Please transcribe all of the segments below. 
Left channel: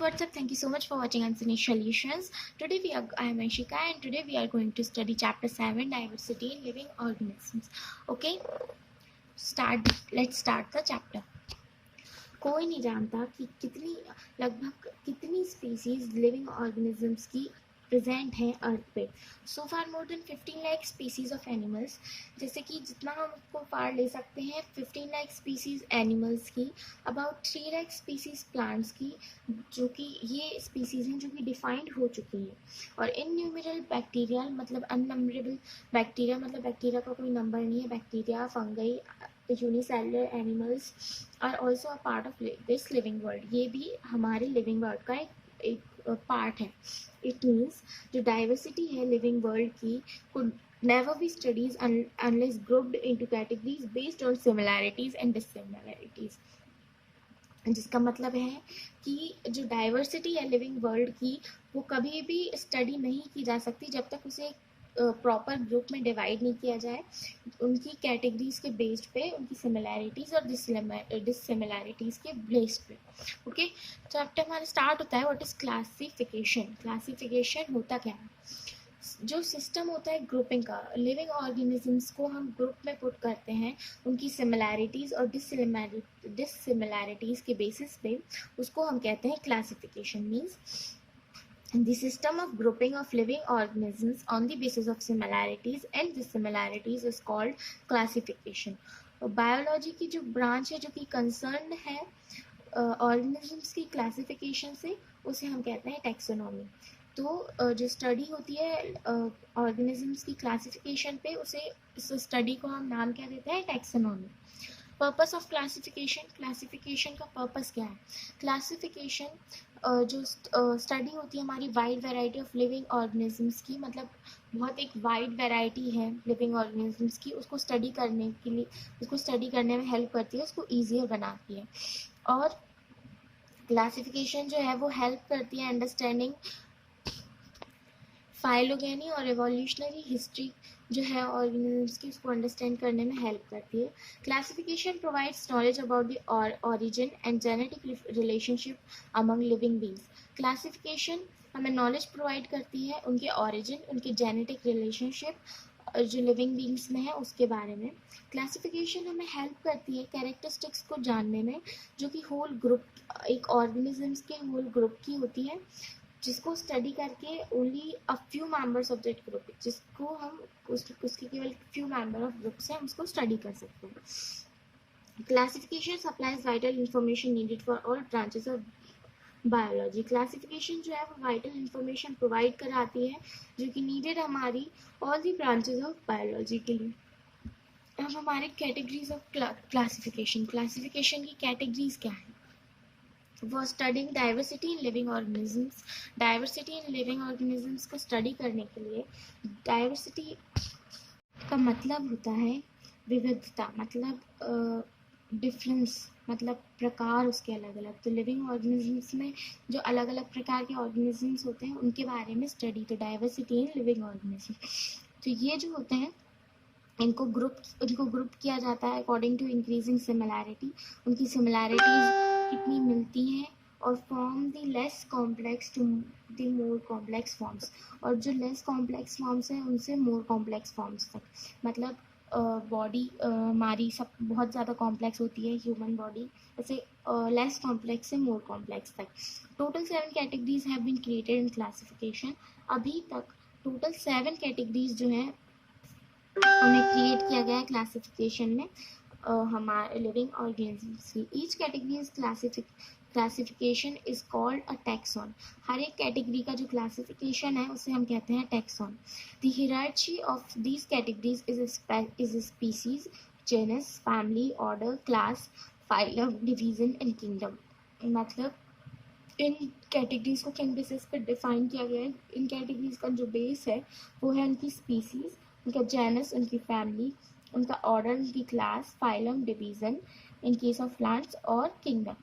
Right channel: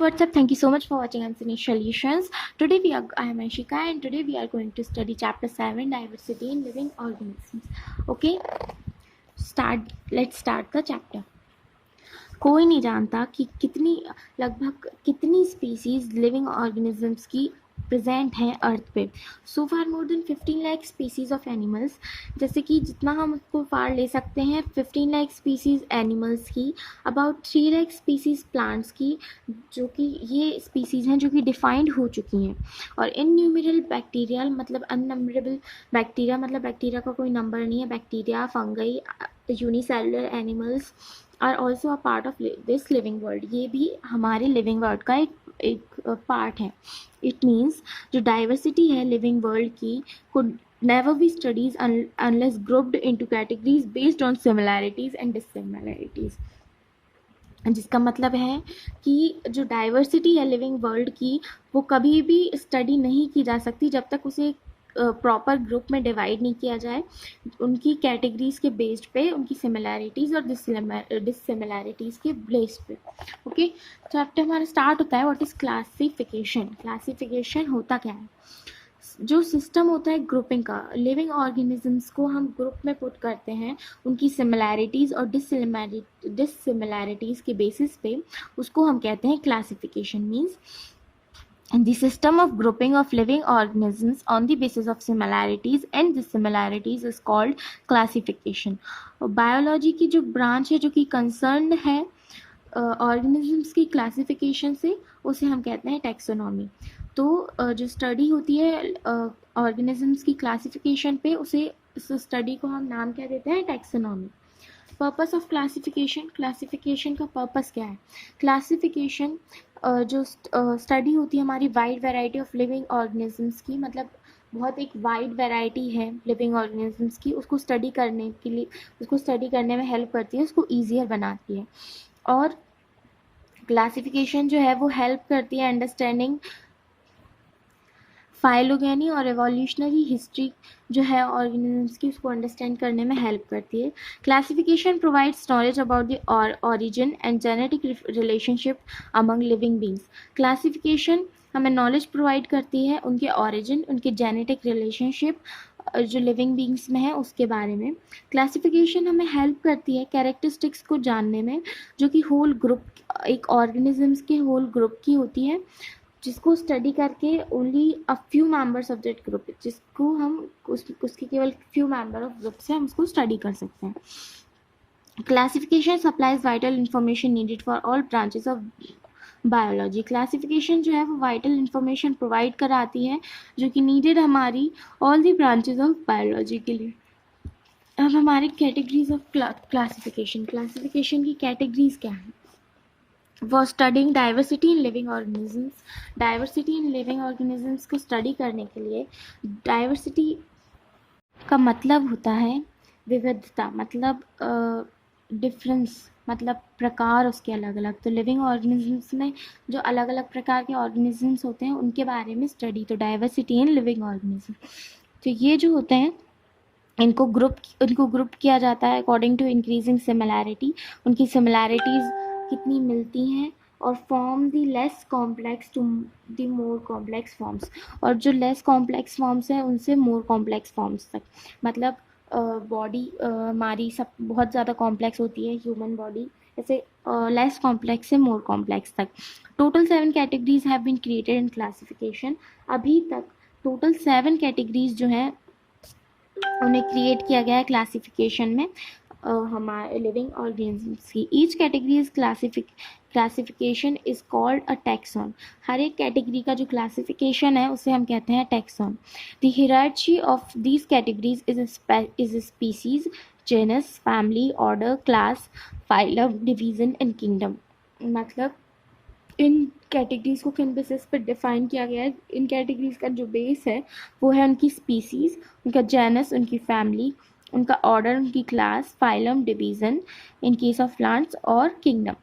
what's up? Thank you so much for watching Unseen Solutions. I am Anshika, and today we are going to study Chapter 7, Diversity in Living Organisms. Okay, let's start the chapter. कोई नहीं जानता कि लगभग कितनी species living organisms की present हैं earth पे. So far more than 15 lakh species of animals. जैसे कि जितना हम उसको फार ले सकते हैं 15 लाख स्पीसीज एनिमल्स की, अबाउट 3 लाख स्पीसीज प्लांट्स की, जो कि ये स्पीसीज हैं जो कि डिफाइंड हो चुकी हैं. और इनन्यूमरेबल बैक्टीरिया मतलब अननंबरेबल बैक्टीरिया, मतलब बैक्टीरिया का कोई नंबर नहीं है. Bacteria, fungi, unicellular animals are also a part of this living world. ये भी हमारे लिविंग वर्ल्ड का एक पार्ट है. इट मीन्स जो डाइवर्सिटी है लिविंग वर्ल्ड की could never be studied unless grouped into categories based on similarities and dissimilarities. जिसका मतलब है कि जो डाइवर्सिटी है लिविंग वर्ल्ड की वो कभी भी स्टडी नहीं की जा सकती जब तक उसे प्रॉपर ग्रुप में डिवाइड नहीं किया जाए उनकी कैटेगरीज के बेस्ड पे, उनकी सिमिलैरिटीज़ और डिससिमिलैरिटीज़ के बेस्ड पे. ओके, चैप्टर हमारा स्टार्ट होता है व्हाट इज़ क्लासिफिकेशन. क्लासिफिकेशन होता क्या है? जो सिस्टम होता है ग्रुपिंग का, लिविंग ऑर्गेनिजम्स को हम ग्रुप में पुट करते हैं उनकी सिमिलैरिटीज़ और डिससिमिलैरिटीज़ के बेसिस पे, उसको हम कहते हैं classification. Means the system of grouping of living organisms on the basis of similarities and dissimilarities is called classification. Biology की जो ब्रांच है जो कि कंसर्न है ऑर्गेनिजम्स की क्लासिफिकेशन से, उसे हम कहते हैं टैक्सोनॉमी. तो जो स्टडी होती है ऑर्गेनिजम्स की क्लासिफिकेशन पे, उस स्टडी को हम नाम क्या देते हैं? Taxonomy. Purpose of classification. Classification का पर्पस क्या है? क्लासिफिकेशन जो स्टडी होती है हमारी wide variety of living organisms की, मतलब बहुत एक वाइड वैरायटी है लिविंग ऑर्गेनिजम्स की, उसको स्टडी करने के लिए, उसको स्टडी करने में हेल्प करती है, उसको ईजियर बनाती है. और क्लासिफिकेशन जो है वो हेल्प करती है अंडरस्टैंडिंग फाइलोगेनी और एवोल्यूशनरी हिस्ट्री जो है ऑर्गेनिजम्स की, उसको अंडरस्टैंड करने में हेल्प करती है. Classification provides knowledge about the origin and genetic relationship among living beings. Classification हमें नॉलेज प्रोवाइड करती है उनके ऑरिजिन, उनके जेनेटिक रिलेशनशिप जो लिविंग बींग्स में है उसके बारे में. क्लासिफिकेशन हमें हेल्प करती है कैरेक्टरिस्टिक्स को जानने में जो कि होल ग्रुप, एक ऑर्गेनिजम्स के होल ग्रुप की होती है, जिसको स्टडी करके only a few members of that group, जिसको हम उसके केवल फ्यू मेंबर ऑफ ग्रुप से हम उसको स्टडी कर सकते हैं. Classification supplies vital information needed for all branches of biology. Classification जो है वो वाइटल इंफॉर्मेशन प्रोवाइड कराती है जो कि नीडेड हमारी all the branches of biology के लिए. अब हमारे कैटेगरीज ऑफ क्लासिफिकेशन. क्लासिफिकेशन की कैटेगरीज क्या है? For studying diversity in living organisms. Diversity in living organisms को स्टडी करने के लिए, डाइवर्सिटी का मतलब होता है विविधता, मतलब डिफरेंस, मतलब प्रकार उसके अलग अलग. तो लिविंग ऑर्गेनिजम्स में जो अलग अलग प्रकार के ऑर्गेनिजम्स होते हैं उनके बारे में स्टडी, तो डाइवर्सिटी इन लिविंग ऑर्गेनिज्म. तो ये जो होते हैं इनको ग्रुप किया जाता है अकॉर्डिंग टू इंक्रीजिंग सिमिलैरिटी. उनकी सिमिलैरिटीज़ कितनी मिलती हैं, और from the less complex to the more complex forms, और जो लेस कॉम्प्लेक्स फॉर्म्स हैं उनसे मोर कॉम्प्लेक्स फॉर्म्स तक. मतलब बॉडी हमारी सब बहुत ज़्यादा कॉम्प्लेक्स होती है, ह्यूमन बॉडी, जैसे लेस कॉम्प्लेक्स से मोर कॉम्प्लेक्स तक. Total 7 categories have been created in classification. अभी तक टोटल 7 कैटेगरीज जो हैं उन्हें क्रिएट किया गया है क्लासिफिकेशन में हमारे लिविंग ऑर्गेनिजम्स की. Each category is classification is called a taxon. हर एक कैटेगरी का जो क्लासिफिकेशन है उसे हम कहते हैं taxon. The hierarchy of these categories is species, genus, family, order, class, phylum, division and kingdom. मतलब इन कैटेगरीज को किन बेसिस पर डिफाइन किया गया है? इन कैटेगरीज का जो बेस है वो है उनकी स्पीसीज, उनका जेनस, उनकी फैमिली, उनका ऑर्डर, उनकी class, phylum, division in case of plants, और किंगडम.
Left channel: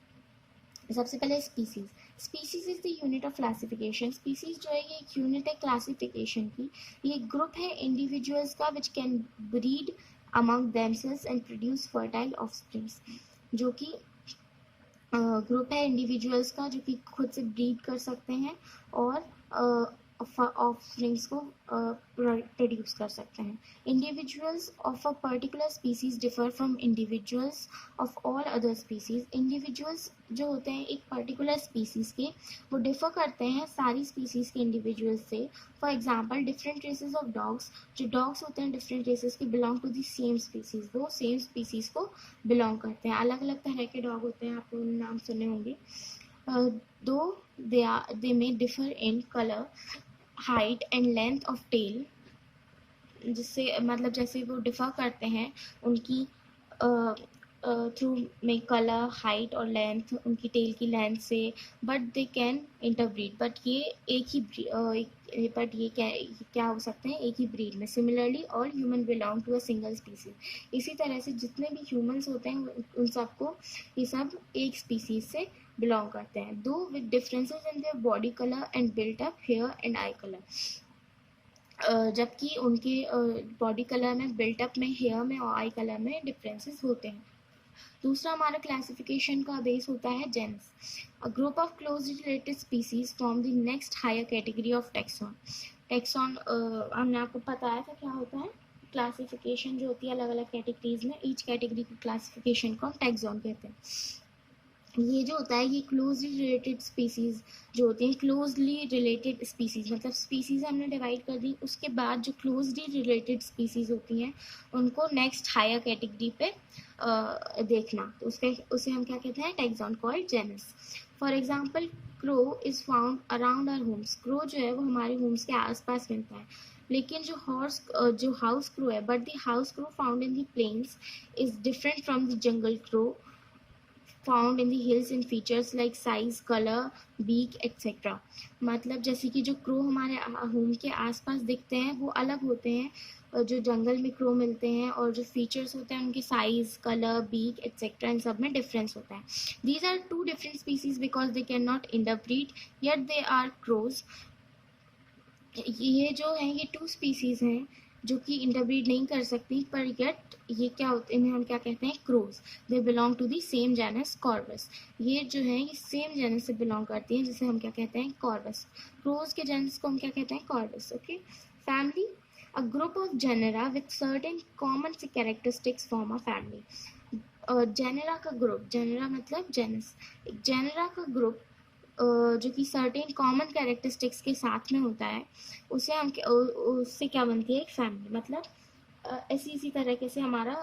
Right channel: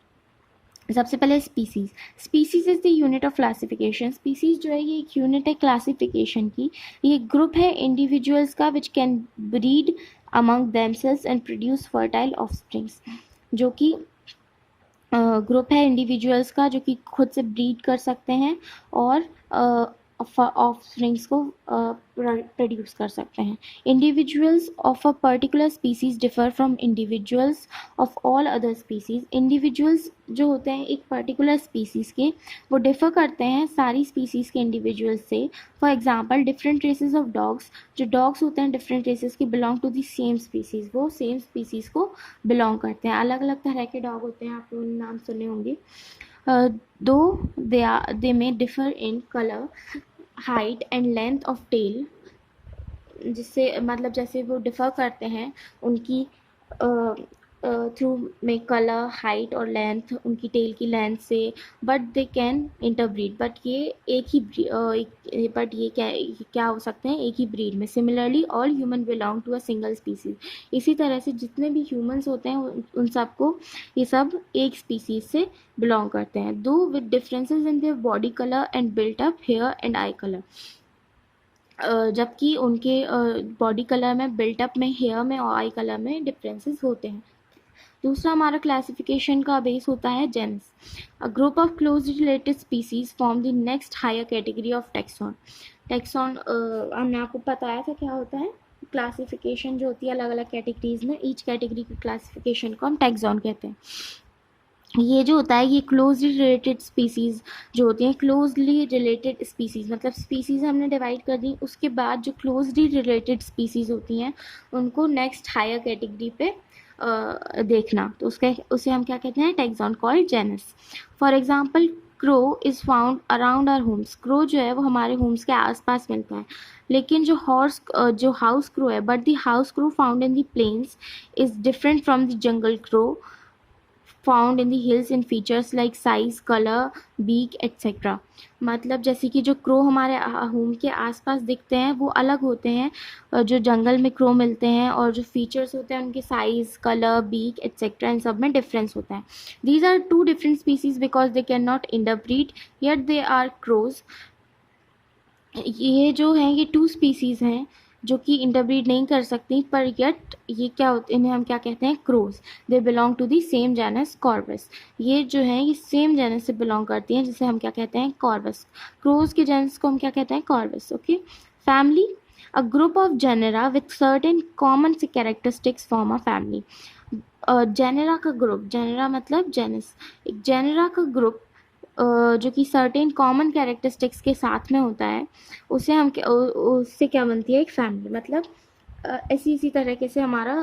सबसे पहले species. Species is the unit of classification. Species जो है ये एक यूनिट है क्लासिफिकेशन की. ये ग्रुप है इंडिविजुअल्स का which can breed among themselves and produce fertile offsprings, जो कि ग्रुप है इंडिविजुअल्स का जो कि खुद से ब्रीड कर सकते हैं और ऑफस्प्रिंग्स को प्रोड्यूस कर सकते हैं. Individuals of a particular species differ from individuals of all other species. Individuals जो होते हैं एक पर्टिकुलर स्पीसीज के, वो डिफर करते हैं सारी स्पीसीज के इंडिविजुअल्स से. For example different races of dogs, जो डॉग्स होते हैं डिफरेंट रेसेस के belong to the same species, वो सेम स्पीसीज को बिलोंग करते हैं. अलग अलग तरह के डॉग होते हैं, आप लोगों ने नाम सुने होंगे. दो they may differ in color, height and length of tail, जिससे मतलब जैसे वो डिफ़र करते हैं उनकी थ्रू में कलर, हाइट और लेंथ, उनकी टेल की लेंथ से. But they can interbreed, but ये एक ही बट ये क्या हो सकते हैं, एक ही ब्रीड में. Similarly all human belong to a single species. इसी तरह से जितने भी ह्यूमंस होते हैं उन सबको ये सब एक स्पीसीज से बिलोंग करते हैं. दो with differences in their body colour and built up here and I colour. जबकि उनके बॉडी कलर में, बिल्टअप में, हेयर में और आई कलर में डिफरेंसेस होते हैं. दूसरा हमारा क्लासिफिकेशन का बेस होता है genus. A group of close related species form the next higher category of taxon. Taxon हमने आपको बताया था क्या होता है. क्लासिफिकेशन जो होती है अलग अलग कैटेगरीज में, ईच कैटेगरी की क्लासिफिकेशन को हम टेक्सॉन कहते हैं. ये जो होता है ये क्लोजली रिलेटेड स्पीसीज़ जो होती हैं, क्लोजली रिलेटेड स्पीसीज़ मतलब स्पीसीज़ हमने डिवाइड कर दी, उसके बाद जो क्लोजली रिलेटेड स्पीसीज़ होती हैं उनको नेक्स्ट हायर कैटेगरी पे देखना, तो उसे हम क्या कहते हैं, taxon called genus. For example crow is found around our homes. Crow जो है वो हमारे होम्स के आसपास मिलता है. लेकिन जो हाउस क्रो है, but the house crow found in the plains is different from the jungle crow found in the hills in features like size, colour, beak etcetera. मतलब जैसे कि जो क्रो हमारे होम के आसपास दिखते हैं वो अलग होते हैं जो जंगल में क्रो मिलते हैं, और जो फीचर्स होते हैं उनके साइज, कलर, बीक एट्सेट्रा इन सब में डिफरेंस होता है. These are two different species because they can not interbreed yet they are crows. ये जो हैं ये टू स्पीसीज़ हैं जो कि इंटरब्रीड नहीं कर सकती, पर येट ये क्या होते, इन्हें हम क्या कहते हैं, crows. They belong to the same genus Corvus. ये जो हैं ये सेम जेनस से बिलोंग करती हैं, जिसे हम क्या कहते हैं, कॉर्वस. क्रोज के जेनस को हम क्या कहते हैं, Corvus. Okay. Family. A group of genera with certain common characteristics form a family. Genera का ग्रुप, जेनेरा मतलब जेनस, एक जेनेरा का ग्रुप जो कि सर्टेन कॉमन कैरेक्टरिस्टिक्स के साथ में होता है, उसे हम उससे क्या बनती है, एक फैमिली. मतलब ऐसी इसी तरीके से हमारा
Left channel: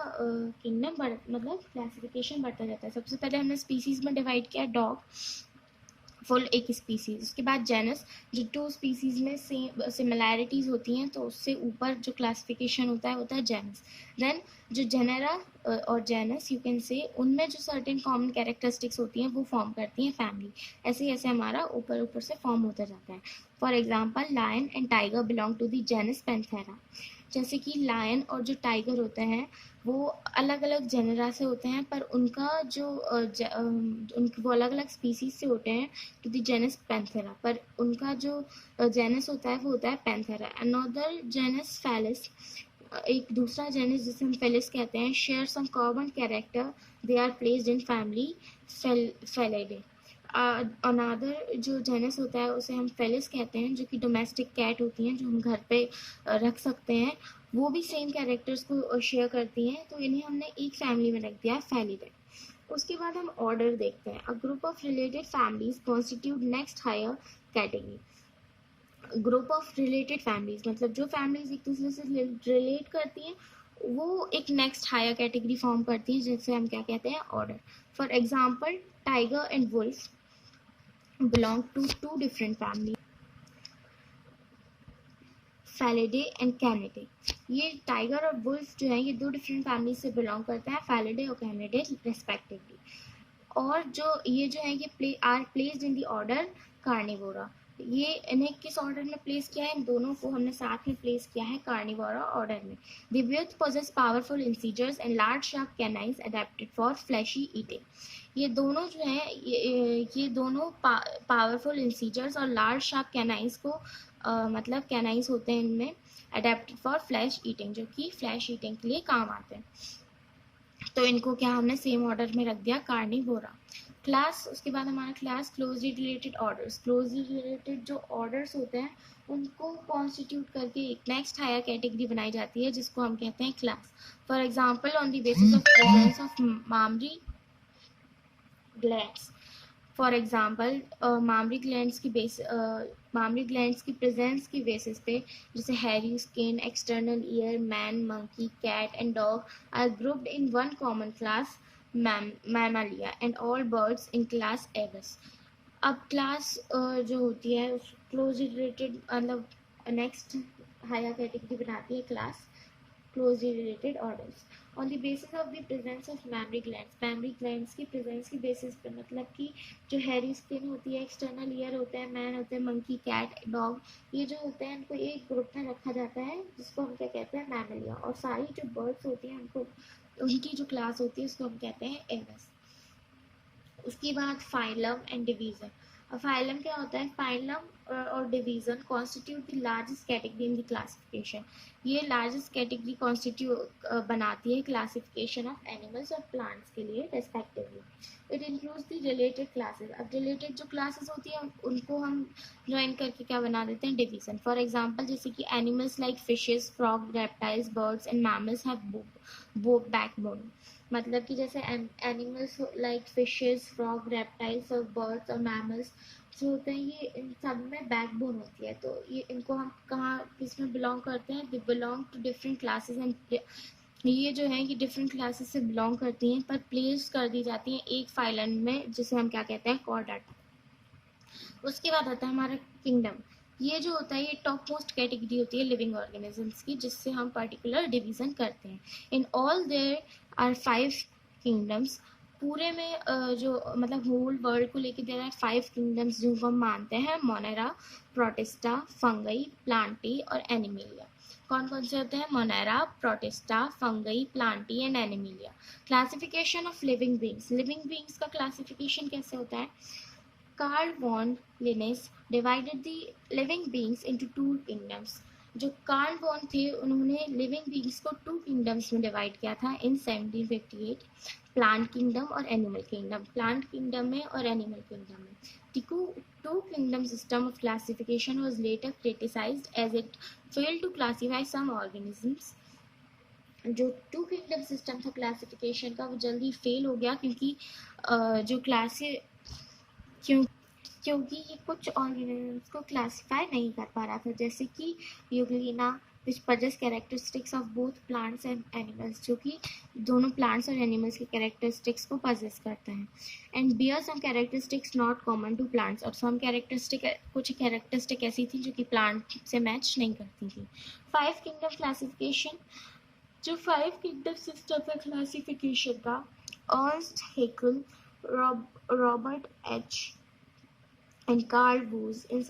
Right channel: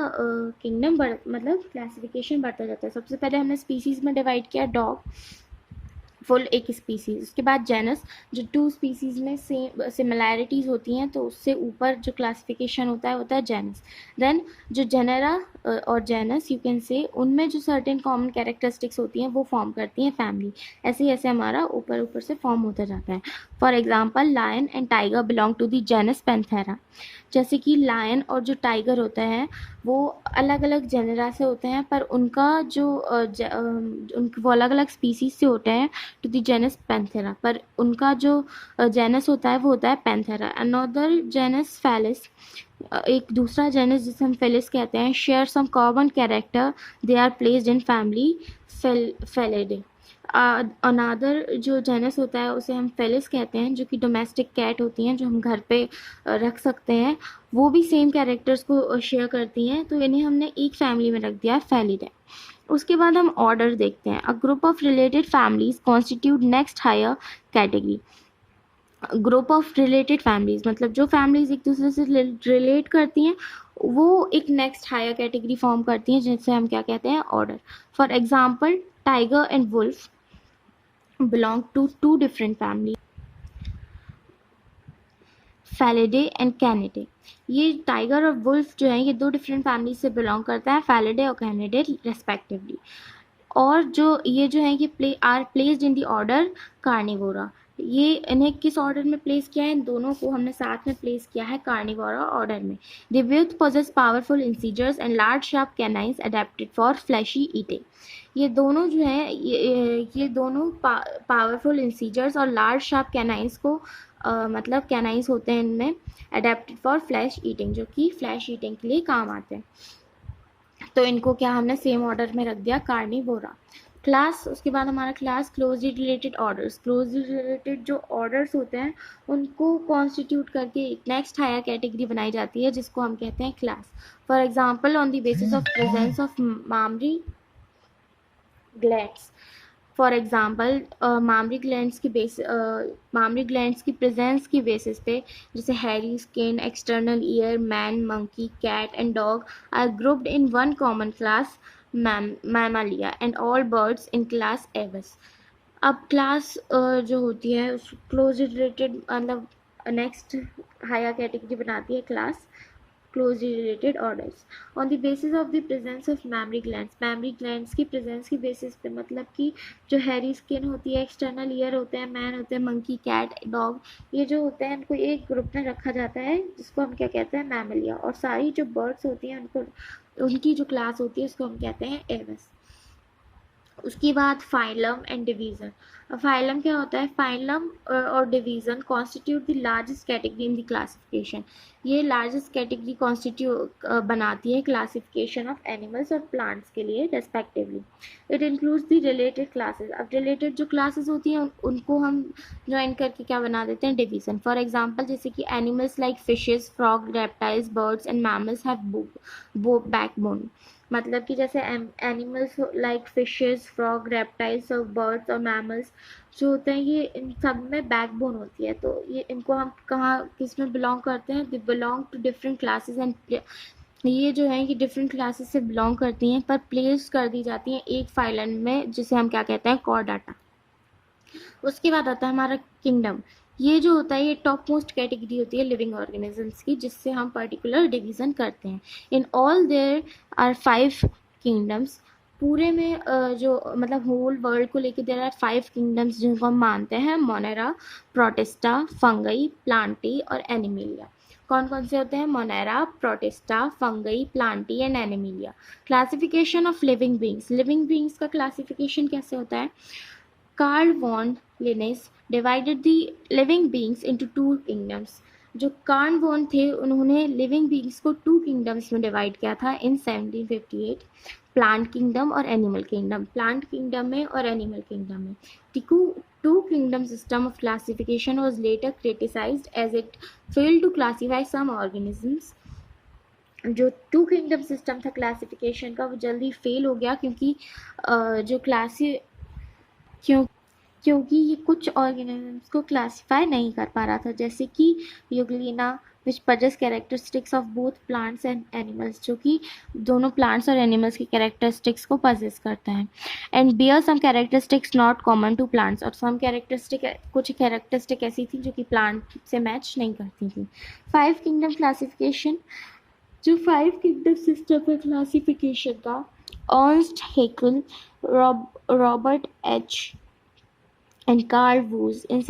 किंगडम मतलब क्लासिफिकेशन बढ़ता जाता है. सबसे पहले हमने स्पीसीज में डिवाइड किया डॉग, फुल एक स्पीसीज. उसके बाद जेनस, जो टू स्पीसीज में सेम सिमिलैरिटीज़ होती हैं, तो उससे ऊपर जो क्लासिफिकेशन होता है जेनस. देन जो जेनेरा और जेनस यू कैन से, उनमें जो सर्टेन कॉमन कैरेक्टरिस्टिक्स होती हैं वो फॉर्म करती हैं फैमिली. ऐसे ऐसे हमारा ऊपर ऊपर से फॉर्म होता जाता है. For example lion and tiger belong to the genus Panthera. जैसे कि लायन और जो टाइगर होता है वो अलग अलग जेनेरा से होते हैं, पर उनका जो वो अलग अलग स्पीसीज से होते हैं टू द जेनस पैंथेरा, पर उनका जो जेनस होता है वो होता है पैंथेरा. अनदर जेनस फेलिस, एक दूसरा जेनस जिसे हम फेलिस कहते हैं, share some common character, they are placed in family Felidae. Another जो जेनस होता है उसे हम फेलिस कहते हैं, जो कि डोमेस्टिक कैट होती हैं जो हम घर पे रख सकते हैं, वो भी सेम कैरेक्टर्स को शेयर करती हैं, तो इन्हें हमने एक फैमिली में रख दिया, फेलिडे. उसके बाद हम ऑर्डर देखते हैं. A group of related families constitute next higher category. Group of related families मतलब जो फैमिलीज एक दूसरे से रिलेट करती हैं वो एक नेक्स्ट हायर कैटेगरी फॉर्म करती हैं, जिसे हम क्या कहते हैं, order. For example tiger and wolf belong to two different families, Felidae and Canidae. ये टाइगर और वुल्फ जो हैं ये दो डिफरेंट फैमिली से बिलोंग करता है, Felidae और Canidae रेस्पेक्टिवली. और जो है ये are placed in the order Carnivora. ये इन्हें किस ऑर्डर में प्लेस किया है, इन दोनों को हमने साथ में प्लेस किया है कार्निवोरा ऑर्डर में. They both possess powerful incisors and large sharp canines adapted for fleshy eating. ये दोनों जो हैं ये दोनों पावरफुल इंसीजर्स और लार्ज शार्प कैनाइन्स को मतलब कैनाइन्स होते हैं इनमें, अडेप्टेड फॉर फ्लैश ईटिंग, जो कि फ्लैश ईटिंग के लिए काम आते हैं. तो इनको क्या हमने सेम ऑर्डर में रख दिया, कार्निवोरा. क्लास, उसके बाद हमारा class closely related orders. Closely related जो ऑर्डर्स होते हैं उनको कॉन्स्टिट्यूट करके एक नेक्स्ट हायर कैटेगरी बनाई जाती है जिसको हम कहते हैं class. For example, on the basis of presence of mammary glands. For example, mammary glands की प्रेजेंस की बेसिस पे, जैसे hairy skin, external ear, man, monkey, cat and dog are grouped in one common class Mammalia and all birds in class Aves. अब class जो होती है close related, मतलब next higher category बनाती है class closely related orders on the basis of the presence of mammary glands। mammary glands की presence की basis पे, मतलब कि जो hairy skin होती है, external ear होते हैं, man होते हैं, monkey, cat, dog, ये जो होते हैं इनको एक ग्रुप में रखा जाता है जिसको हम क्या कहते हैं, मैमलिया। और सारी जो बर्ड्स होती हैं उनको, उनकी जो क्लास होती है उसको हम कहते हैं एवस। उसके बाद फाइलम एंड डिवीजन। फाइलम क्या होता है? फाइलम और division constitute the largest category in the classification. ये लार्जेस्ट कैटेगरी कॉन्स्टिट्यूट बनाती है क्लासिफिकेशन ऑफ एनिमल्स और प्लांट्स के लिए respectively. It includes the related classes. अब रिलेटेड जो क्लासेस होती हैं उनको हम ज्वाइन करके क्या बना देते हैं, डिवीजन। फॉर एग्जाम्पल, जैसे कि animals like fishes, frog, reptiles, birds and mammals have backbone. मतलब कि जैसे animals like fishes, frog, reptiles और बर्ड्स और मैमल्स जो होते हैं, ये इन सब में बैकबोन होती है। तो ये इनको हम कहाँ किस में बिलोंग करते हैं? They belong to different classes and ये जो है कि डिफरेंट क्लासेस से बिलोंग करती हैं पर प्लेस कर दी जाती हैं एक फाइलम में, जिसे हम क्या कहते हैं, कॉर्डाटा। उसके बाद आता है हमारा किंगडम। ये जो होता है ये टॉप मोस्ट कैटेगरी होती है लिविंग ऑर्गेनिजम्स की, जिससे हम पर्टिकुलर डिवीजन करते हैं। In all there are 5 kingdoms. पूरे में जो मतलब होल वर्ल्ड को लेके देयर आर 5 किंगडम्स जिनको हम मानते हैं, मोनेरा, प्रोटिस्टा, फंगई, प्लांटी और एनिमिलिया। कौन कौन से होते हैं? Monera, Protista, Fungi, Plantae and Animalia. Classification of living beings. Living beings का क्लासिफिकेशन कैसे होता है? Carl von Linnaeus divided the living beings into 2 kingdoms. जो कार्ल वॉन थे उन्होंने लिविंग बींग्स को 2 किंगडम्स में डिवाइड किया था इन 1758, प्लांट किंगडम और एनिमल किंगडम। प्लांट किंगडम में और एनिमल किंगडम में। The two kingdom system of classification was later criticized as it failed to classify some organisms। जो 2 किंगडम सिस्टम था क्लासिफिकेशन का वो जल्दी फेल हो गया क्योंकि जो क्लासी क्यों क्योंकि ये कुछ ऑर्गेनिजम्स को क्लासिफाई नहीं कर पा रहा था, जैसे कि Euglena which possess characteristics of both plants and animals, जो कि दोनों प्लांट्स और एनिमल्स की कैरेक्टरिस्टिक्स को पजेस करता है। And bear some characteristics not common to plants. और सम कुछ कैरेक्टरिस्टिक ऐसी थी जो कि प्लांट से मैच नहीं करती थी। 5 किंगडम क्लासिफिकेशन। जो 5 किंगडम सिस्टम है क्लासिफिकेशन का, Ernst Haeckel, Robert H and Carl Woese, इन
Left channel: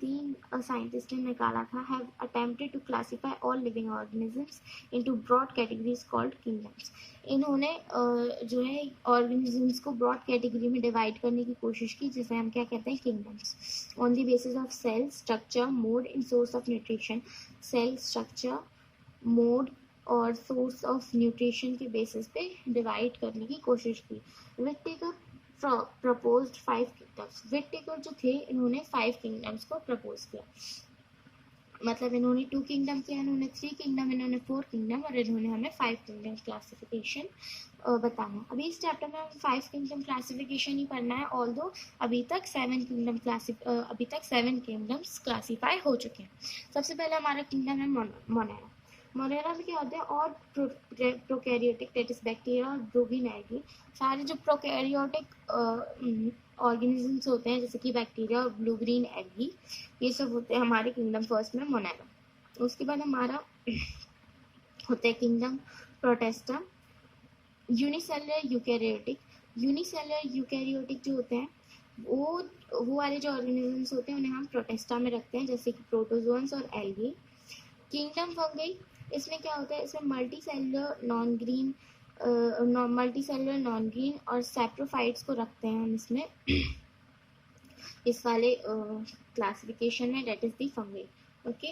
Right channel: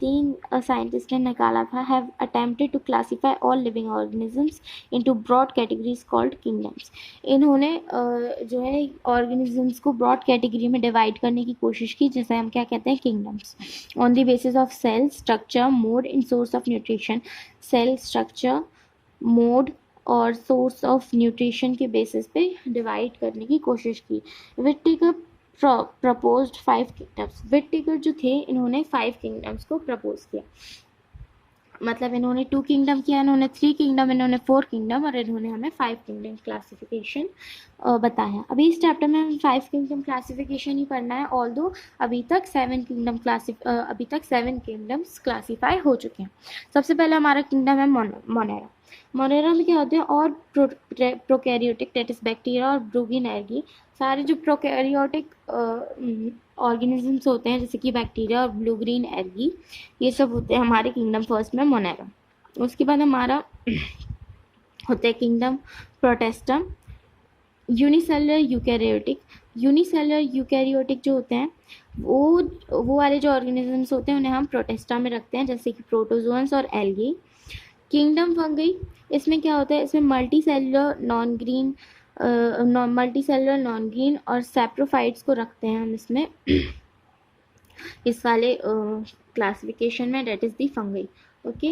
3 साइंटिस्ट ने निकाला था, have attempted to classify all living organisms into broad categories called kingdoms. इन्होंने जो है ऑर्गेनिजम्स को ब्रॉड कैटेगरी में डिवाइड करने की कोशिश की, जिसे हम क्या कहते हैं, kingdoms, on the basis of cell structure, mode and source of nutrition. Cell structure, mode और सोर्स ऑफ न्यूट्रिशन के बेसिस पे डिवाइड करने की कोशिश की। विटिकर प्रपोज्ड 5 किंगडम्स। विटिकर जो थे इन्होंने 5 किंगडम्स को प्रपोज किया, मतलब इन्होंने 2 किंगडम किया, इन्होंने 3 किंगडम, इन्होंने 4 किंगडम और इन्होंने हमें 5 किंगडम क्लासिफिकेशन बताया। अभी इस चैप्टर में हमें 5 किंगडम क्लासिफिकेशन ही पढ़ना है, ऑल्दो अभी तक 7 किंगडम्स क्लासीफाई हो चुके हैं। सबसे पहले हमारा किंगडम है मोनेरा। मोनेरा में क्या होते हैं? और प्रोकैरियोटिक, दैट इज बैक्टीरिया और ब्रूगिन एल्गी। सारे जो प्रोकैरियोटिक ऑर्गेनिजम्स होते हैं जैसे कि बैक्टीरिया और ब्लू ग्रीन एल्गी, ये सब होते हैं हमारे किंगडम फर्स्ट में मोनेरा। उसके बाद हमारा होता है kingdom Protista, unicellular eukaryotic. Unicellular eukaryotic जो होते हैं वो वाले जो ऑर्गेनिजम्स होते हैं उन्हें हम प्रोटेस्टा में रखते हैं, जैसे कि प्रोटोजोअन्स और एल्गी। किंगडम फंगई, इसमें क्या होता है? इसमें मल्टी सेलुलर नॉन ग्रीन और सैप्रोफाइट्स को रखते हैं हम इसमें इस वाले क्लासिफिकेशन में, that is the fungi. Okay,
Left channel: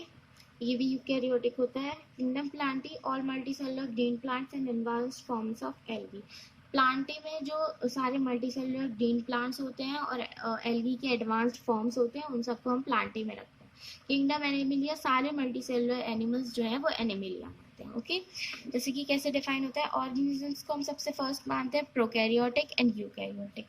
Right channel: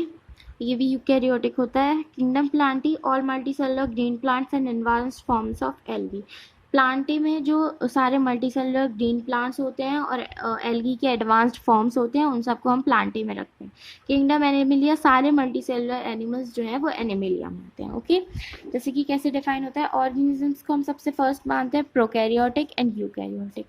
ये भी यूकैरियोटिक होता है। Kingdom Plantae, all multicellular green plants and advanced forms of algae. Plantae में जो सारे मल्टीसेलुलर ग्रीन प्लांट्स होते हैं और एल्गी के एडवांस्ड फॉर्म्स होते हैं, उन सबको हम प्लांटे में रखते हैं। किंगडम एनिमिलिया, सारे मल्टीसेलुलर एनिमल्स जो है वो एनिमिलिया में होते हैं। ओके, जैसे कि कैसे डिफाइन होता है, ऑर्गेनिजम्स को हम सबसे फर्स्ट मानते हैं प्रोकैरियोटिक एंड यूकैरियोटिक।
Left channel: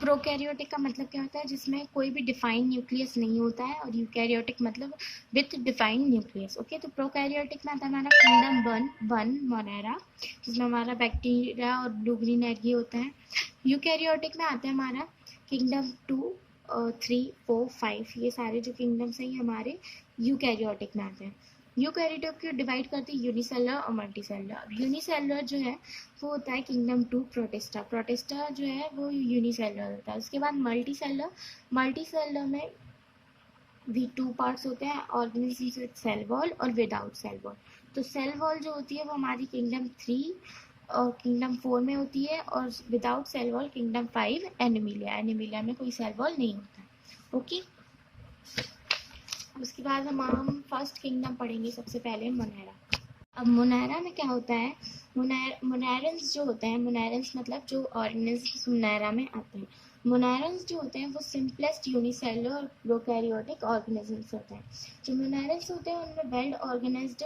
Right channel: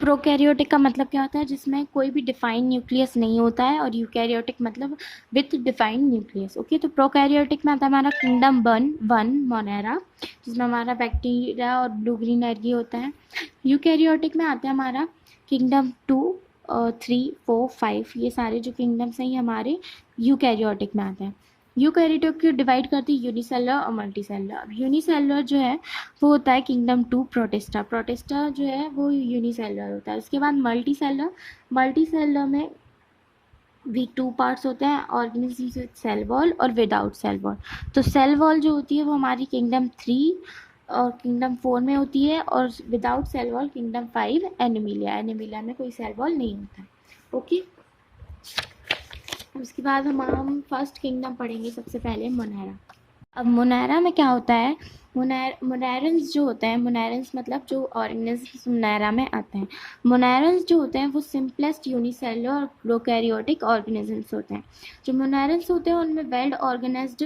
प्रोकैरियोटिक का मतलब क्या होता है, जिसमें कोई भी डिफाइंड न्यूक्लियस नहीं होता है, और यूकैरियोटिक मतलब विथ डिफाइंड न्यूक्लियस। ओके, तो प्रोकैरियोटिक में आता है हमारा किंगडम वन मोनेरा, जिसमें हमारा बैक्टीरिया और ब्लू ग्रीन एल्गी होता है। यूकैरियोटिक में आते हैं हमारा किंगडम 2, 3, 4, 5, ये सारे जो किंगडम्स हैं ये हमारे यूकैरियोटिक में आते हैं। यूकैरियोटिक को डिवाइड करती है यूनिसेलुलर और मल्टीसेलुलर। अब यूनिसेलुलर जो है वो होता है किंगडम 2 प्रोटिस्टा। प्रोटिस्टा जो है वो यूनिसेलुलर होता है। उसके बाद मल्टीसेलुलर, मल्टीसेलुलर में भी 2 पार्ट्स होते हैं, ऑर्गेनिजम्स विद सेल वॉल और विदाउट सेल वॉल। तो सेल वॉल जो होती है वो हमारी किंगडम 3 और किंगडम 4 में होती है, और without cell wall kingdom 5 Animalia. Animalia में कोई सेल वॉल नहीं होता है। ओके, उसके बाद हम फर्स्ट किंगडम पढ़ेंगे सबसे पहले मोनेरा। अब मोनेरा में क्या होता है, मोनेरन्स जो होते हैं, मोनेरन्स मतलब जो ऑर्गेनिजम्स मोनेरा में आते हैं, मोनेरन्स जो होते हैं वो सिंपलेस्ट यूनिसेलुलर और प्रोकैरियोटिक ऑर्गेनिजम्स होते हैं। जो मोनेरन्स होते हैं उनमें वेल ऑर्गेनाइज्ड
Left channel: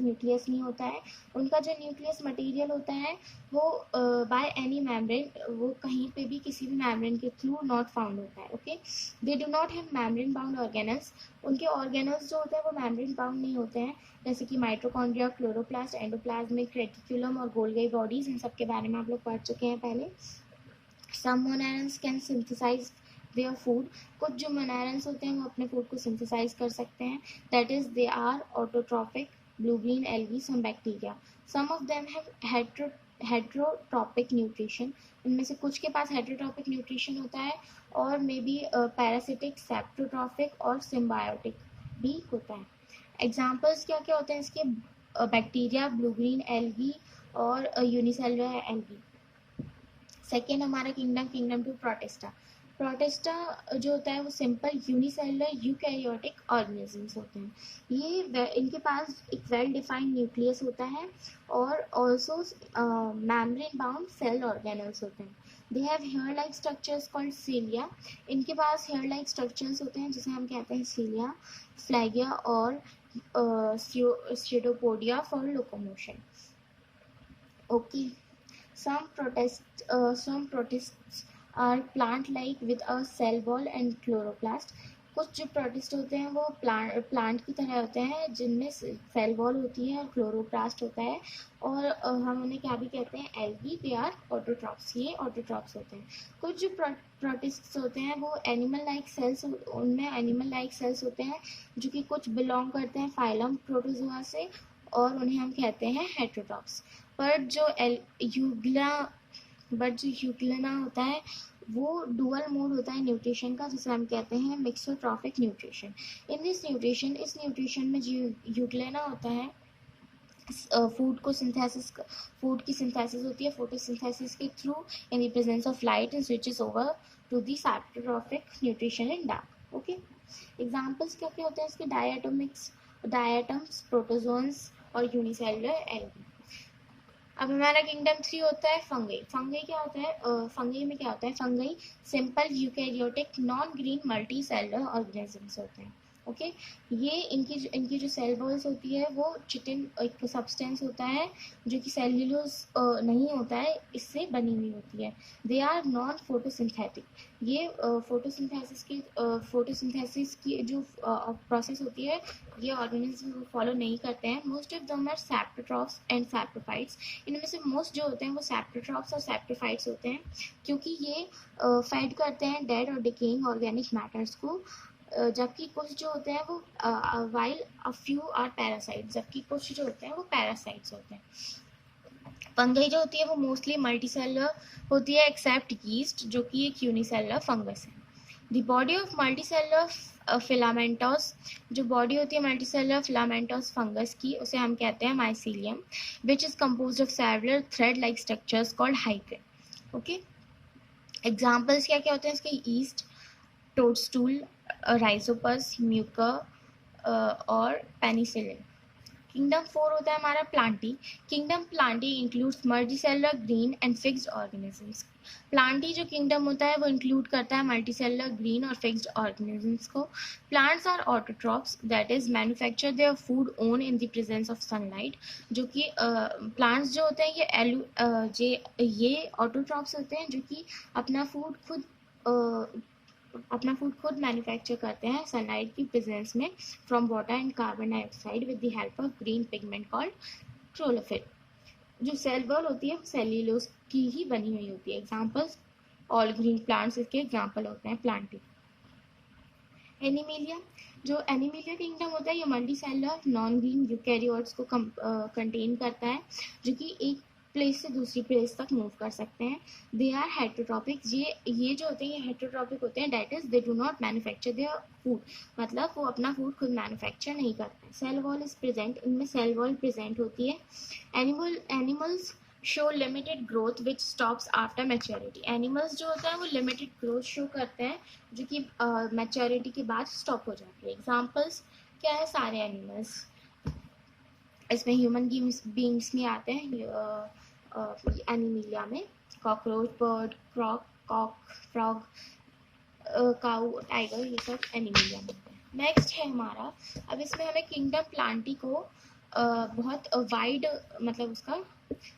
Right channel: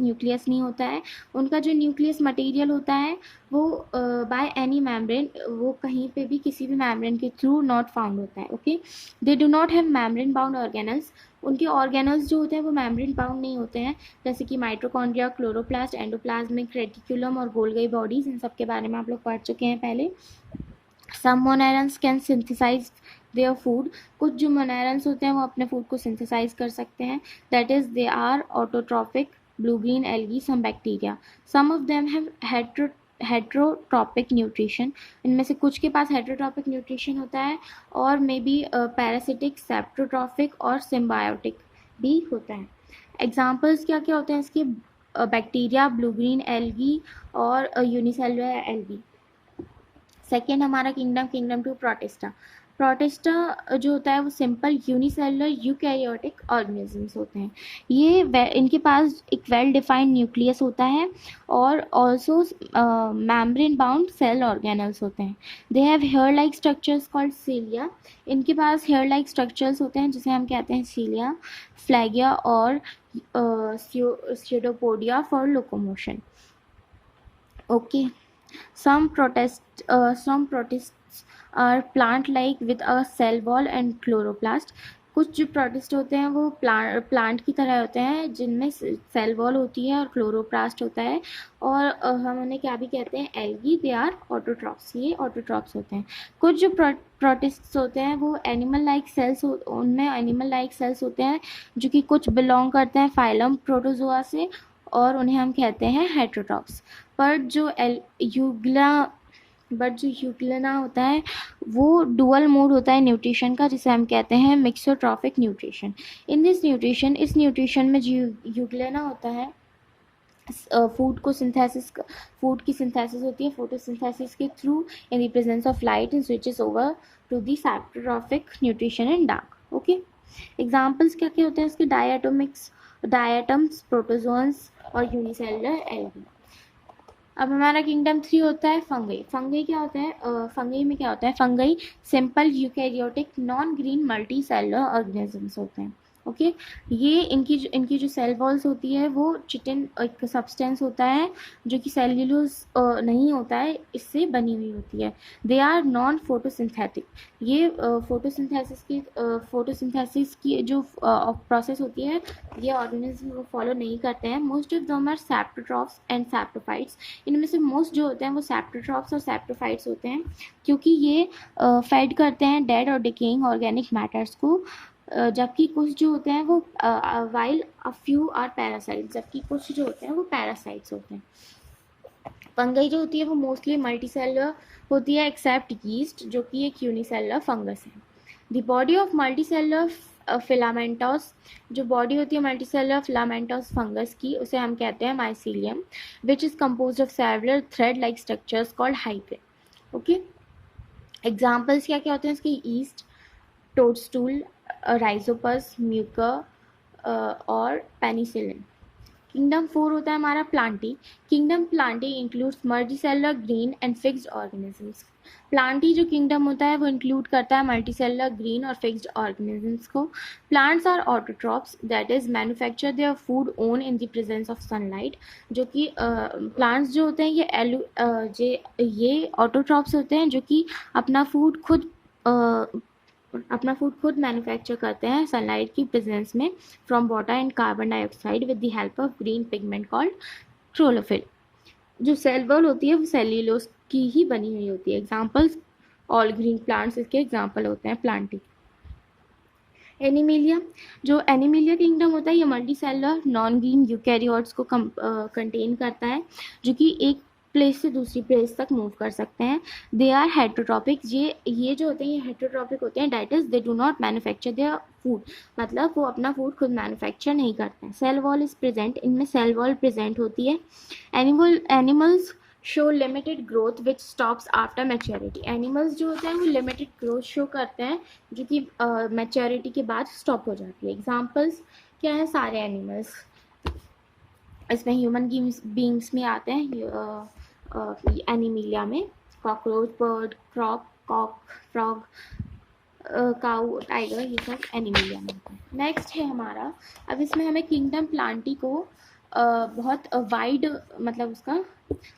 न्यूक्लियस नहीं होता है। उनका जो न्यूक्लियस मटेरियल होता है वो बाय एनी मेम्ब्रेन, वो कहीं पे भी किसी भी मेम्ब्रेन के थ्रू नॉट फाउंड होता है। Okay, they do not have membrane bound organelles. उनके ऑर्गेनल्स जो होते हैं वो मेम्ब्रेन बाउंड नहीं होते हैं, जैसे कि माइटोकॉन्ड्रिया, क्लोरोप्लास्ट, एंडोप्लाज्मिक रेटिकुलम और गोल्गी बॉडीज, इन सब के बारे में आप लोग पढ़ चुके हैं पहले। Some monerans can synthesize their food, कुछ जो मोनेरन्स होते हैं वो अपने फूड को सिंथेसाइज कर सकते हैं, that is they are autotrophic, blue green algae, some bacteria. Some of them have heterotrophic nutrition, इनमें से कुछ के पास हेट्रोट्रॉपिक न्यूट्रिशन होता है, और मे बी पैरासिटिक, सेप्टोट्रॉपिक और सिम्बायोटिक भी होता है। एग्जाम्पल्स क्या क्या होते हैं इसके, बैक्टीरिया, ब्लू ग्रीन एल्गी और यूनिसेलुलर एल्गी। सेकेंड हमारा किंगडम 2 प्रोटिस्टा। प्रोटिस्टा जो होता है वो सिंपल यूनिसेलुलर यूकैरियोटिक ऑर्गेनिजम्स होते हैं। ये इनके पास एक वेल डिफाइंड न्यूक्लियस होता है, और also membrane bound cell organelles होते हैं। They have hair like structures called cilia, इनके पास हेयर लाइक स्ट्रक्चर्स होते हैं जिसे हम कहते हैं सीलिया, फ्लैगिया और pseudopodia for locomotion. Okay, some protists are plant-like with a cell wall and chloroplast. कुछ जो प्रोटिस्ट होते हैं वो प्लांट की तरह होते हैं, जिनमें सेल वॉल होती है और क्लोरोप्लास्ट होता है, और हम उन्हें क्या भी कहते हैं, एल्गी, दे आर ऑटोट्रॉप्स, ये ऑटोट्रॉप्स होते हैं। कुछ जो प्रोटिस्ट्स होते हैं वो एनिमल लाइक सेल्स, उनमें एनिमल लाइक सेल्स होते हैं जो कि कुछ बिलोंग करते हैं फाइलम प्रोटोजोआ से, और उन्हें हम कहते हैं हेट्रोट्रॉप्स। पर जो यूग्लिना होता है वो डुअल मोड होता है न्यूट्रिशन का, जिसे हम कहते हैं mixotrophic nutrition. In this nutrition, इस न्यूट्रिशन में जो यूग्लिना होता है, फूड की सिंथेसिस होती है फोटोसिंथेसिस के through in the presence of light, and switches over to the saprotrophic nutrition in dark. Okay, examples क्या क्या होते हैं इसके, डायटम्स, प्रोटोजोन्स और यूनिसेलुलर एल्गी। अब हमारा किंगडम 3 होता है फंगई। फंगई क्या होता है, फंगई में क्या होता है, fungi simple eukaryotic non green multi cellular organisms होते हैं। ओके, ये इनकी जो सेल वॉल्स होती है वो चिटिन एक सब्सटेंस होता है जो कि सेल्यूलोज नहीं होता है, इससे बनी हुई होती है। दे आर नॉन फोटोसिंथेटिक, ये फोटोसिंथेसिस की जो प्रोसेस होती है ये ऑर्गेनिज्म वो फॉलो नहीं करते हैं। Most of them are saprotrophs and saprophytes, इनमें से मोस्ट जो होते हैं वो सैप्रोट्रॉप्स और सैप्रोफाइट्स होते हैं, क्योंकि ये फेड करते हैं डेड और डिकेइंग ऑर्गेनिक मैटर्स को, जबकि कुछ जो होते हैं वो while a few are parasites, जबकि कुछ जो होते हैं वो पैरासाइट्स होते हैं। फंगई जो होती है वो मोस्टली मल्टीसेलुलर होती है एक्सेप्ट यीस्ट, जो कि एक यूनिसेलुलर फंगस है। द बॉडी ऑफ मल्टीसेलुलर फिलामेंटोस, जो बॉडी होती है मल्टीसेलुलर फिलामेंटोस फंगस की, उसे हम कहते हैं mycelium, which is composed of several thread like structures called हाइड्रेन। ओके, एग्जाम्पल्स क्या क्या होते हैं इसके, ईस्ट, टोडस्टूल, राइजोपस, म्यूकर और पेनिसिलिन। किंगडम 4 होता है हमारा Plantae. Kingdom Plantae includes multicellular green and fixed organisms. Plantae जो किंगडम होता है वो इंक्लूड करता है मल्टीसेलुलर ग्रीन और फिक्स्ड ऑर्गेनिजम्स को। Plants are autotrophs, that is manufacture their food own in the presence of sunlight. जो कि प्लांट्स जो होते हैं ये ऑटोट्रॉप्स होते हैं जो कि अपना फूड खुद मैन्युफैक्चर करते हैं सनलाइट की प्रेजेंस में from water and carbon dioxide with the help of green pigment called chlorophyll. जो सेल वॉल होती है वो सेल्यूलोज की ही बनी हुई होती है। एग्जांपल्स ऑल ग्रीन प्लांट्स इसके एग्जांपल होते हैं प्लांटिंग। एनिमिलिया, जो एनिमिलिया किंगडम होता है ये multi cellular non green eukaryotes को कंटेन करता है जो कि एक प्लेस से दूसरी प्लेस तक मूव कर सकते हैं। दे आर हेटरोट्रॉपिक, ये जो होते हैं ये हेटरोट्रॉपिक होते हैं, that is they do not manufacture their food, मतलब वो अपना फूड खुद मैन्युफैक्चर नहीं करते हैं। सेल वॉल इज प्रेजेंट, इनमें सेल वॉल प्रेजेंट होती है। Animals show limited growth which stops after maturity. Animals जो होते हैं वो लिमिटेड ग्रोथ शो करते हैं जो कि मैच्योरिटी के बाद स्टॉप हो जाती है। एग्जांपल्स क्या है, सारे एनिमल्स, इसमें ह्यूमन बींग्स में आते हैं एनिमिलिया में। कॉकरोच, बर्ड, कॉक, फ्रॉग, काऊ, टाइगर, ये सब एनिमिलिया में आते हैं। नेक्स्ट है हमारा, अब इसमें हमें किंगडम प्लांटी को बहुत वाइड, मतलब उसका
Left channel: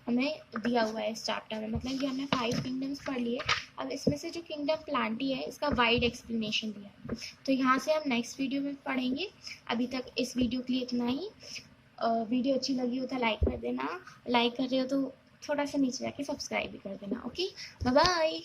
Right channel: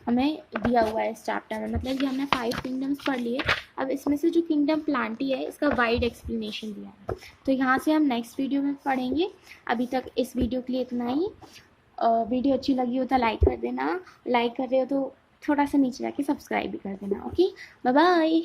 हमें दिया हुआ है इस चैप्टर में, मतलब ये हमने 5 किंगडम्स पढ़ लिए। अब इसमें से जो किंगडम प्लांटी है इसका वाइड एक्सप्लेनेशन दिया है, तो यहाँ से हम नेक्स्ट वीडियो में पढ़ेंगे। अभी तक इस वीडियो के लिए इतना ही। वीडियो अच्छी लगी हो तो लाइक कर देना, लाइक कर रहे हो तो थोड़ा सा नीचे जाके सब्सक्राइब भी कर देना। Okay, bye bye.